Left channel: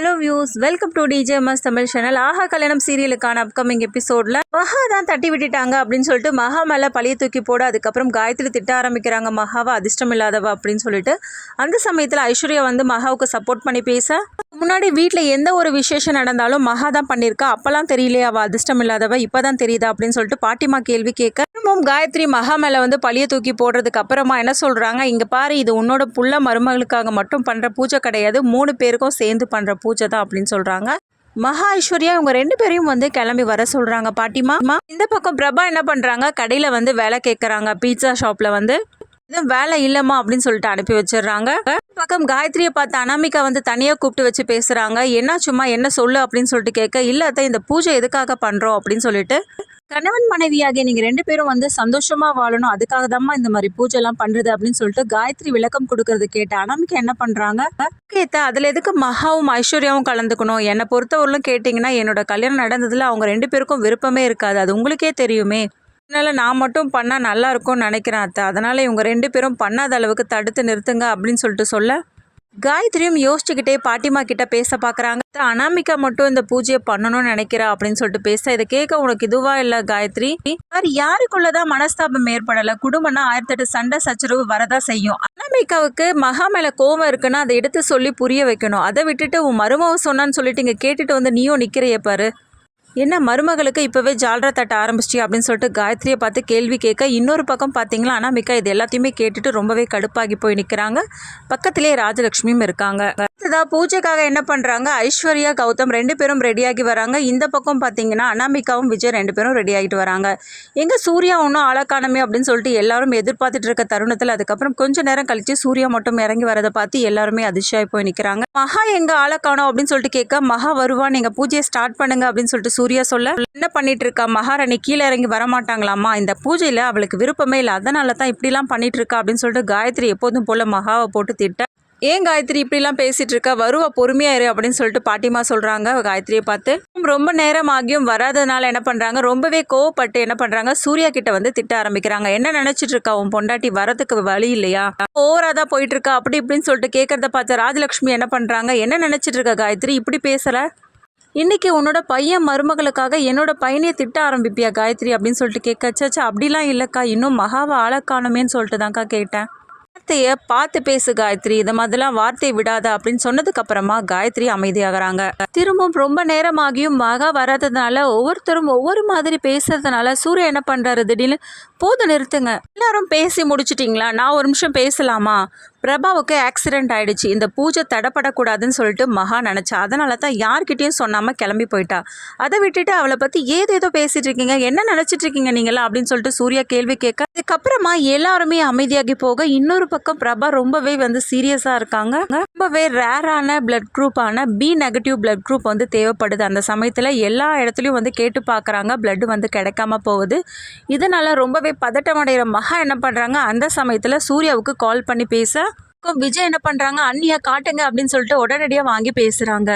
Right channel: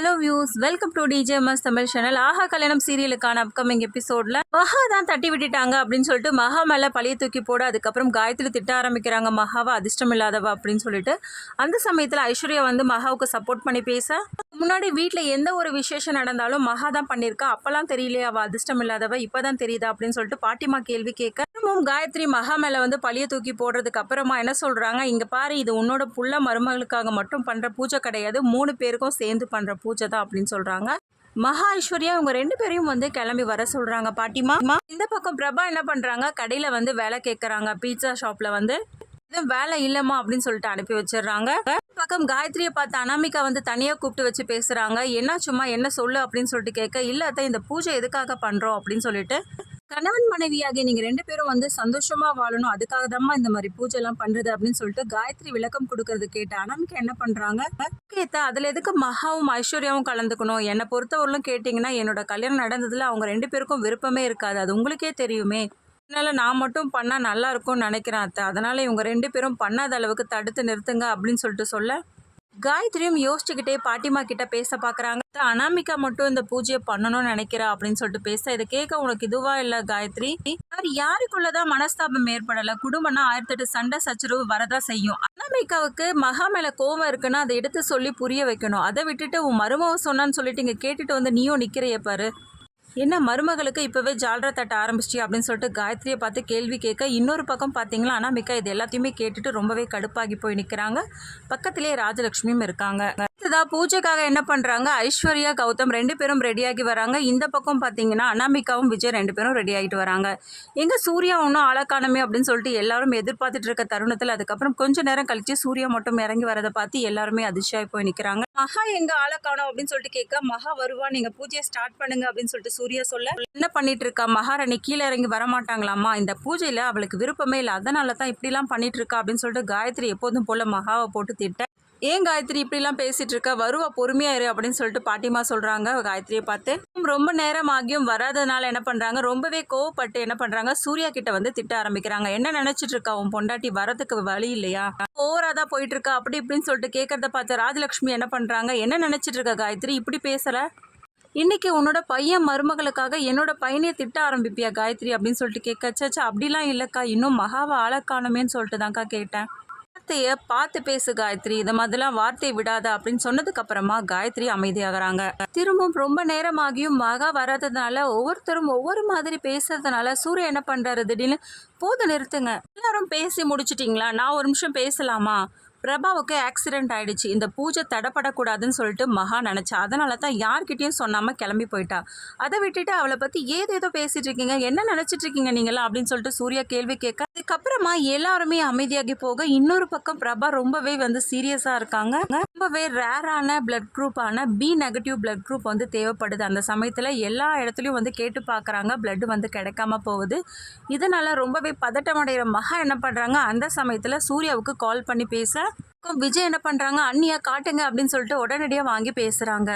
Hello views, welcome to DJMS Tamil channel. Aaha Kalyanam சீரியலுக்கான upcoming எபிசோடில் மகா தான் தட்டி விட்டுட்டாங்க அப்படின்னு சொல்லிட்டு மகா மேலே பழைய தூக்கி போட அதுக்கப்புறம் காயத்ரி திட்ட ஆரம்பிக்கிறாங்க. மகாவை அதிர்ஷ்டம் இல்லாதவ அப்படின்னு சொல்லிட்டு அந்த சமயத்தில் ஐஸ்வர்யா வந்து மகாவுக்கு சப்போர்ட் பண்ணி பேச, முன்னாடி வீட்டில் எந்த ஒரு விசேஷம் நடந்தாலும் மகா தான் பண்ணியிருக்கா, அப்போல்லாம் தெரியலையே அவள் அதிர்ஷ்டம் இல்லாதவ, இப்போ தான் தெரியுதா அப்படின்னு சொல்லிட்டு பாட்டிமா கேள்வி கேட்க, காயத்ரி மகா மேலே வந்து பழைய தூக்கி போடுறதுக்கு அப்புறமா என்ன சொல்கிறாங்க, இங்கே பாரு இது உன்னோட புள்ள மருமகளுக்காக மட்டும் பண்ணுற பூஜை கிடையாது, 3 பேருக்கும் சேர்ந்து பண்ணுற பூஜை தான் அப்படின்னு சொல்கிறாங்க. மகா ஐஸ்வர்யா இவங்க 2 பேரையும் வந்து கிளம்பி வர சொல்கிறாங்க பாட்டிமா. இந்த பக்கம் பிரபா என்ன பண்ணுறாங்க, கடையில் வந்து வேலை கேட்குறாங்க. பீட்சா ஷாப்பில் வந்து எதுவும் வேலை இல்லைம்மா அப்படின்னு சொல்லிட்டு அனுப்பி வச்சிடுறாங்க. பக்கம் காயத்ரியை பார்த்து அனாமிகா வந்து தனியாக கூப்பிட்டு வச்சு பேசுகிறாங்க. என்ன சும்மா என்ன சொல்லு அப்படின்னு சொல்லிட்டு கேட்க, இல்லாத இந்த பூஜை எதுக்காக பண்ணுறோம் அப்படின்னு சொல்லிட்டு, கணவன் மனைவியாகிய நீங்கள் 2 பேரும் வந்து சந்தோஷமாக வாழணும், அதுக்காக தான்மா இந்த மாதிரி பூஜைலாம் பண்ணுறது அப்படின்னு சொல்லிட்டு காயத்ரி விளக்கம் கொடுக்கறது கேட்ட அனாமிகா என்ன பண்ணுறாங்க, கேட்ட அதில் எதுக்கு மகாவும் ஐஸ்வர்யாவும் கலந்துக்கணும், என்னை பொறுத்தவரையிலும் கேட்டிங்கன்னா என்னோட கல்யாணம் நடந்ததில் அவங்க 2 பேருக்கும் விருப்பமே இருக்காது, அது உங்களுக்கே தெரியுமே, அதனால் நான் மட்டும் பண்ணால் நல்லா இருக்கும்னு நினைக்கிறேன் அத்தை, அதனால் இவங்க 2 பேரும் பண்ணாத அளவுக்கு தடுத்து நிறுத்துங்க அப்படின்னு சொல்லிட்டு சொல்ல, காயத்ரியும் யோசிச்சுக்கிட்டே பாட்டிமா கிட்ட பேச பார்க்குறாங்க. அனாமிகா மட்டும் இந்த பூஜையை பண்ணணும்னு நினைக்கிறா அப்படின்னு சொல்லிட்டு பேச, இதை கேட்க உனக்கு இதுவா இல்லை காயத்ரி, யாருக்குள்ளதான் மனஸ்தாபம் ஏற்படலை, குடும்பம்னா 1008 சண்டை சச்சரவு வரதா செய்யும். அனாமிகாவுக்கு மகா மேலே கோவம் இருக்குன்னா அதை எடுத்து சொல்லி புரிய வைக்கணும், அதை விட்டுட்டு உன் மருமவ சொன்னான்னு சொல்லிட்டு இங்கே கேட்டுட்டு வந்து நீயும் நிற்கிறைய பாரு, என்ன மருமகளுக்கு இப்போவே ஜால்ரா தட்ட ஆரம்பிச்சிட்டி அப்படின்னு சொல்லிட்டு காயத்ரியை பார்த்து கேள்வி கேட்க, இன்னொரு பக்கம் பார்த்தீங்களா அனாமிகா இது எல்லாத்தையுமே கேட்டுட்டு ரொம்பவே கடுப்பாகி போய் நிற்கிறாங்க. பக்கத்திலே ராஜலட்சுமியும் இருக்காங்க. பூஜைக்காக என்ன பண்ணுறாங்க, ஐஸ்வர்யா கௌதம் 2 பேரும் ரெடியாகி வராங்க. இந்த பக்கம் பார்த்தீங்கன்னா அனாமிகாவும் விஜய் 2 பேரும் ரெடி ஆகிட்டு வராங்க. எங்கே சூர்யா ஒன்றும் ஆளக்கானமே அப்படின்னு சொல்லிட்டு எல்லாரும் எதிர்பார்த்துட்டு இருக்க தருணத்தில் அதுக்கப்புறம் கொஞ்சம் நேரம் கழித்து சூர்யா மட்டும் இறங்கி வரதை பார்த்து எல்லாருமே அதிர்ச்சியாகி போய் நிற்கிறாங்க. மகா எங்கே ஆளக்கானோம் அப்படின்னு சொல்லிட்டு கேட்க, மகா வருவா, நீங்கள் பூஜையை ஸ்டார்ட் பண்ணுங்க அப்படின்னு சொல்லிட்டு சூர்யா சொல்ல, என்ன பண்ணிட்டு இருக்கா மகாராணி, கீழே இறங்கி வரமாட்டாங்களாமா, இந்த பூஜையில் அவளுக்கு விருப்பமே இல்லை, அதனால தான் இப்படிலாம் பண்ணிட்டு இருக்கா அப்படின்னு சொல்லிட்டு காயத்ரி எப்போதும் போல மகாவை போட்டு திட்ட, ஏன் காயத்ரி இப்படிலாம் பேசிகிட்டு இருக்கா, வருவா பொறுமையாயிரு அப்படின்னு சொல்லிட்டு பாட்டிமா சொல்கிறாங்க காயத்ரியை பார்த்து. ரொம்ப நேரம் ஆகியும் வராதனால என்ன பண்ணுறாங்க, ரொம்பவே கோவப்பட்டு என்ன பண்ணுறாங்க, சூர்யா கிட்ட வந்து திட்ட ஆரம்பிக்கிறாங்க. என்ன நினச்சிட்டு இருக்கா, உன் பொண்டாட்டி வரதுக்கு வழி இல்லையா, ஓவராக தான் போயிட்டு இருக்கா அப்படி இப்படின்னு சொல்லிட்டு கேட்கறத பார்த்து ராஜலட்சுமி என்ன பண்ணுறாங்க, என்ன நினச்சிட்டு இருக்கா காயத்ரி, இப்படி பேசலை, இன்னைக்கு உன்னோட பையன் மருமகளுக்காக என்னோட பையனையே திட்ட ஆரம்பிப்பியா காயத்ரி அப்படின்னு சொல்லிட்டு கேட்கச்சாச்சா, அப்படிலாம் இல்லைக்கா, இன்னும் மகாவை ஆளக்கானமேன்னு சொல்லிட்டு தான்க்கா கேட்டேன், வார்த்தையை பார்த்து பேசு காயத்ரி, இந்த மாதிரிலாம் வார்த்தையை விடாத அப்படின்னு சொன்னதுக்கு அப்புறமா காயத்ரி அமைதியாகிறாங்க. திரும்பவும் ரொம்ப நேரமாகியும் மகா வராததுனால ஒவ்வொருத்தரும் ஒவ்வொரு மாதிரி பேசுறதுனால சூர்யா என்ன பண்றாரு, திடீர்னு போதும் நிறுத்துங்க, எல்லாரும் பேசி முடிச்சிட்டிங்களா, நான் ஒரு நிமிஷம் பேசலாமா, பிரபாவுக்கு ஆக்சிடென்ட் ஆயிடுச்சு, இந்த பூஜை தடைப்படக்கூடாதுன்னு சொல்லிட்டு மகா நினச்சா, அதனால தான் யார்கிட்டையும் சொன்னாமல் கிளம்பி போயிட்டா, அதை விட்டுட்டு அவளை பற்றி ஏதோ பேசிகிட்டு இருக்கீங்க, என்ன நினச்சிட்டு இருக்கீங்க நீங்களா அப்படின்னு சொல்லிட்டு சூர்யா கேள்வி கேட்க, அதுக்கப்புறமா எல்லாருமே அமைதியாகி போக, இன்னொரு பக்கம் பிரபா ரொம்பவே வந்து சீரியஸாக இருக்காங்க. ரொம்பவே ரேரான பிளட் குரூப்பான B- பிளட் குரூப் வந்து தேவைப்படுது, அந்த சமயத்தில் எல்லா இடத்துலையும் வந்து கேட்டு பார்க்குறாங்க, பிளட் வந்து கிடைக்காம போகுது, இதனால் ரொம்பவே பதட்டம் அடைகிற மகா என்ன பண்ணுறாங்க, அந்த சமயத்தில் சூர்யாவுக்கு கால் பண்ணி பேச, விஜய் என்ன பண்ணுறாங்க, அண்ணியா காட்டுங்க அப்படின்னு சொல்லிட்டு உடனடியாக வாங்கி பேசுகிறாங்க.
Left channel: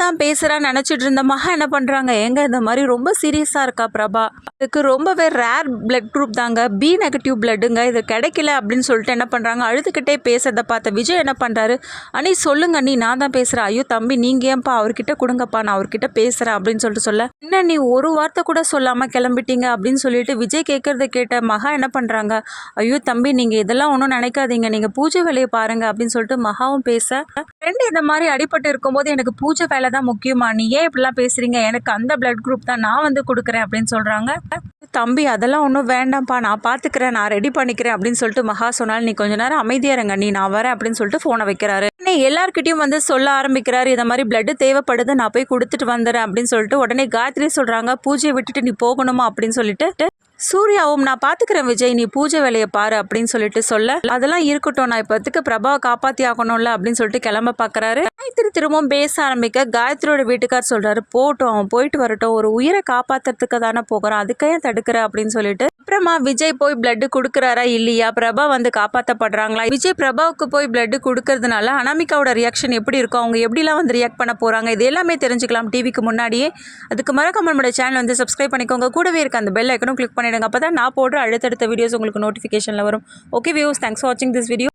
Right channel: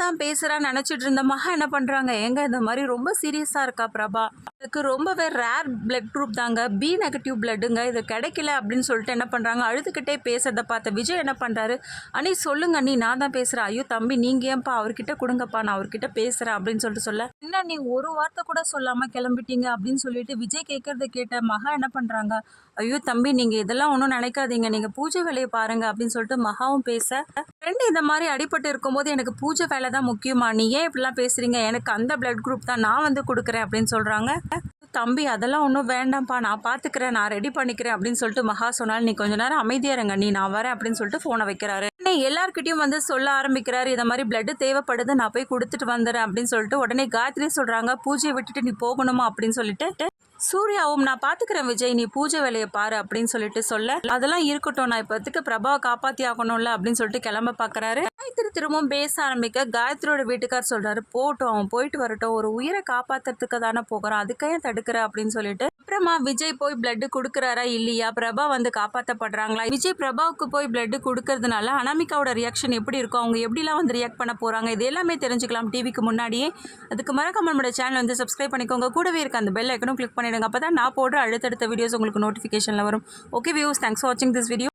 தான் பேசுகிறான்னு நினச்சிட்டு இருந்த மகா என்ன பண்ணுறாங்க, எங்க இந்த மாதிரி ரொம்ப சீரியஸாக இருக்கா பிரபா, இதுக்கு ரொம்பவே ரேர் பிளட் குரூப் தாங்க, B- பிளட்டுங்க, இது கிடைக்கல அப்படின்னு சொல்லிட்டு என்ன பண்ணுறாங்க, அழுதுகிட்டே பேசுறதை பார்த்த விஜய் என்ன பண்ணுறாரு, அண்ணி சொல்லுங்க அண்ணி நான் தான் பேசுகிறேன், ஐயோ தம்பி நீங்கள் ஏன்ப்பா அவர்கிட்ட கொடுங்கப்பா நான் அவர்கிட்ட பேசுகிறேன் அப்படின்னு சொல்லிட்டு சொல்ல, என்ன நீ ஒரு வார்த்தை கூட சொல்லாமல் கிளம்பிட்டீங்க அப்படின்னு சொல்லிட்டு விஜய் கேட்கறத கேட்ட மகா என்ன பண்ணுறாங்க, ஐயோ தம்பி நீங்கள் இதெல்லாம் ஒன்றும் நினைக்காதீங்க, நீங்கள் பூஜை வேலையை பாருங்க அப்படின்னு சொல்லிட்டு மகாவும் பேச, இந்த மாதிரி அடிபட்டு இருக்கும்போது எனக்கு பூஜை வேலை தான் முக்கியமா, நீ ஏன் இப்படிலாம் பேசுறீங்க, எனக்கு அந்த பிளட் குரூப் தான் நான் வந்து கொடுக்குறேன் அப்படின்னு சொல்றாங்க. தம்பி அதெல்லாம் ஒன்றும் வேண்டாம்ப்பா நான் பார்த்துக்கிறேன் நான் ரெடி பண்ணிக்கிறேன் அப்படின்னு சொல்லிட்டு மகா சொன்னால், நீ கொஞ்ச நேரம் அமைதியா இருங்க நீ நான் வரேன் அப்படின்னு சொல்லிட்டு ஃபோனை வைக்கிறாரு. எல்லார்கிட்டையும் வந்து சொல்ல ஆரம்பிக்கிறாரு, இந்த மாதிரி பிளட் தேவைப்படுது நான் போய் கொடுத்துட்டு வந்துடுறேன் அப்படின்னு சொல்லிட்டு உடனே காயத்ரி சொல்றாங்க, பூஜையை விட்டுட்டு நீ போகணுமா அப்படின்னு சொல்லிட்டு சூர்யாவும் நான் பார்த்துக்கிறேன் விஜய் நீ பூஜை வேலையை பாரு அப்படின்னு சொல்லிட்டு சொல்ல, அதெல்லாம் இருக்கட்டும் நான் இப்போத்துக்கு பிரபாவை காப்பாற்றி ஆகணும்ல அப்படின்னு சொல்லிட்டு கிளம்ப பார்க்குறாரு. காயத்ரி திரும்பவும் பேச ஆரம்பிக்க காயத்ரியோட வீட்டுக்கார் சொல்கிறாரு, போட்டோம் அவன் போயிட்டு வரட்டும், ஒரு உயிரை காப்பாற்றுறதுக்கு தானே போகிறான், அதுக்கையும் தடுக்கிற அப்படின்னு சொல்லிட்டு, அப்புறமா விஜய் போய் பிளட் கொடுக்குறாரா இல்லையா, பிரபா வந்து காப்பாற்றப்படுறாங்களா, விஜய் பிரபாவுக்கு போய் பிளட் கொடுக்கறதுனால அனாமிகாவோட ரியாக்ஷன் எப்படி இருக்கும், அவங்க எப்படிலாம் வந்து ரியாக்ட் பண்ண போகிறாங்க, இது எல்லாமே தெரிஞ்சுக்கலாம் டிவிக்கு முன்னாடியே. அதுக்கு மறக்காம நம்மளோட சேனல் வந்து சப்ஸ்கிரைப் பண்ணிக்கோங்க, கூடவே இருக்க அந்த பெல் ஐக்கனும் கிளிக் பண்ணிடுங்க, அப்போ தான் நான் போடுற அடுத்தடுத்த வீடியோஸ் உங்களுக்கு நோட்டிஃபிகேஷனில் வரும். ஓகே வியூஸ், தேங்க்ஸ் ஃபார் வாட்சிங் திஸ் வீடியோ.